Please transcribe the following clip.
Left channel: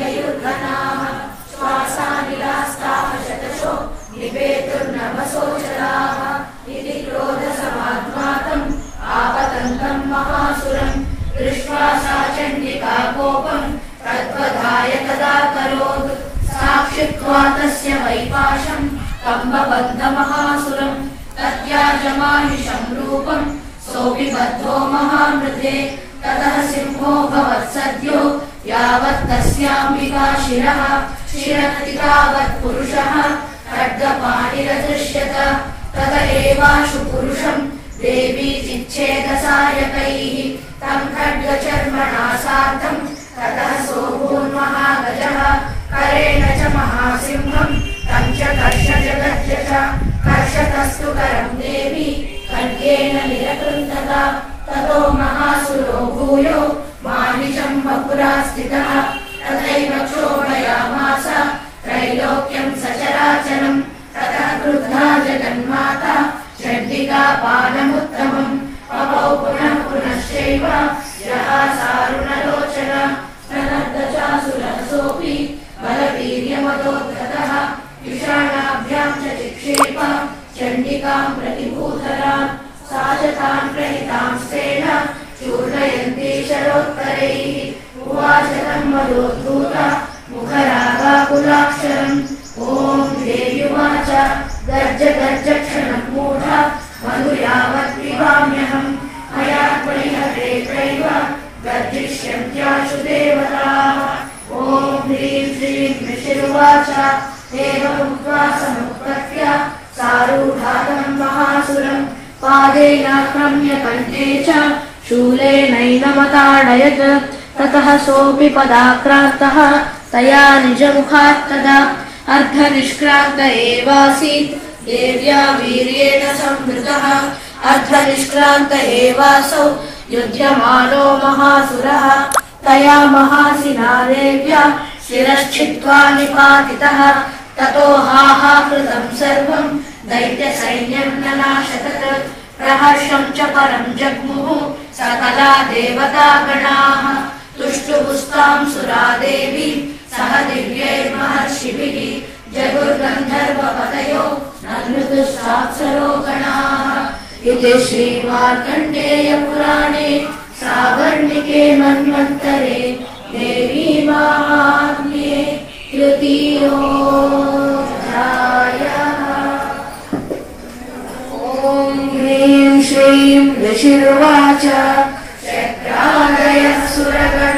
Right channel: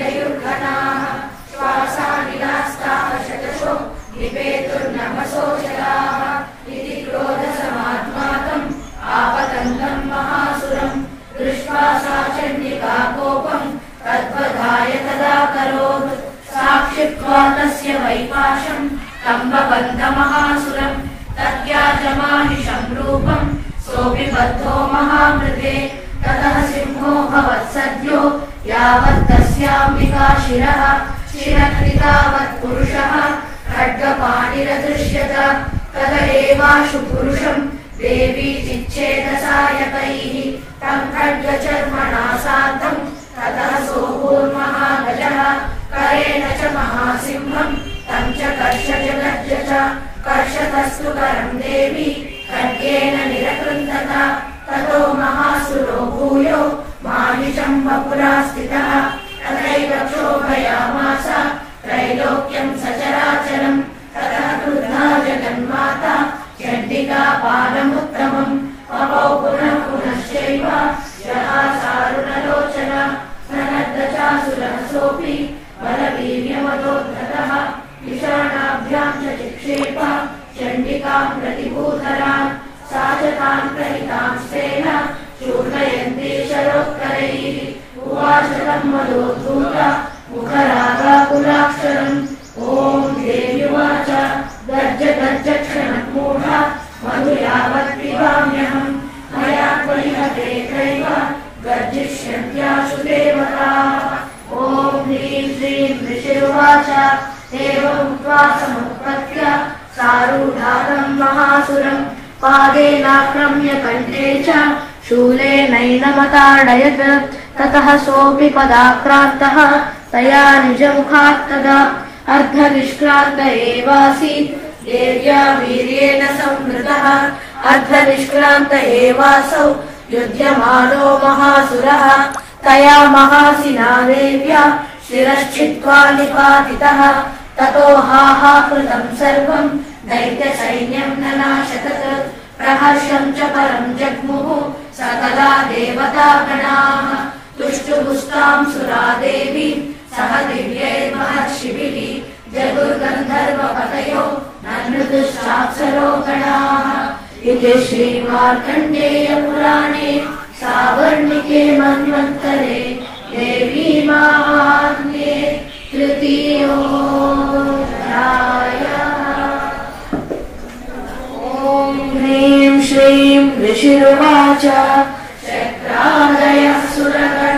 ययुर्गणाः श्वासानिलास्ताः शतशो निपेतुर्नमसो जलाः इति क्रोधसमात्मातम् आपतन्तम् महासुरम् दृष्ट्वा सा चण्डिका कोपम् तद्वधाय तदा करोत् साक्षित्वा तस्य वैपाशम् कम्बबन्धमहासुरम् तद्याजमानिशम् रूपम् सोऽपि बद्धो महामृते ततः सिंहो भवत्सद्यो यावत् तस्याम्बिका शिरः शिरकृतावत् पुरुषः खड्गपाणिरदृश्यत तत एवाशु पुरुषम् देवी चिच्छेदसायकैः तम् खड्गचर्मणा सार्धम् ततः सोऽभून्महागजः करेण च महासिंहम् तम् च कर्षजगद्य च कर्षतस्तु करम् देवी खड्गेन निरकृन्तत ततो महासुरो भूयो मानिशम् वपुरा स्थितः तथैव क्षोभयामास त्रैलोक्यम् सचराचरम् ततः क्रुद्धा जगन्माता चण्डिका पादमुत्तमम् पपौ पुनः पुनश्चैव जहासारुणलोचन स्तनद्धचासुरसोऽपि बलवीर्यवदोद्धतः विषाणाभ्याम् च चिक्षेप चण्डिकाम् प्रतिभूतरान् सा च तान् प्रहितांस्तेन चूर्णयन्ती शरोत्तरैः उवाच तम् वदोद्धूत मुखरागाकुलाक्षरम् ॐ देव्युवाच गर्ज गर्ज क्षणमूढ मधु यावत् पिबाम्यहम् मया त्वयिहते त्रैव गर्जिष्यन्त्याशु देवताः ॐ ह्रीं श्रीं ऋषिरुवाच एवमुक्त्वा समुत्पत्य सारूढातम् महासुरम् पादेनाक्रम्य कण्ठे च शूलेनैनमताडयत् ततः सोऽपि पदाक्रान्तः तया निजमुखात् तदा अर्धनिष्क्रान्त एवासीत् देव्या वीर्येण संवृतः अर्धनिष्क्रान्त एवासौ युध्यमानो महासुरः तया महासिना देव्या शिरश्छित्त्वा निपातितः ततो हाहाकृतम् सर्वम् दैत्यसैन्यम् ननाशतत् प्रहर्षम् च परम् जग्मुः सकला देवतागणाः तुष्टुपुस्ताम् सुरा देवी सह दिव्यैर्महर्षिभिः जगुर्गन्धर्वपतयो नृतुश्चाप्सरो गणाः इति श्रीमार्कण्डेयपुराणे सावर्णिके मन्वन्तरे देवी माहात्म्ये तृतीयोऽध्यायः। ॐ ह्रीं श्रीं ऋषिरुवाच चक्रादयः सुरगणाः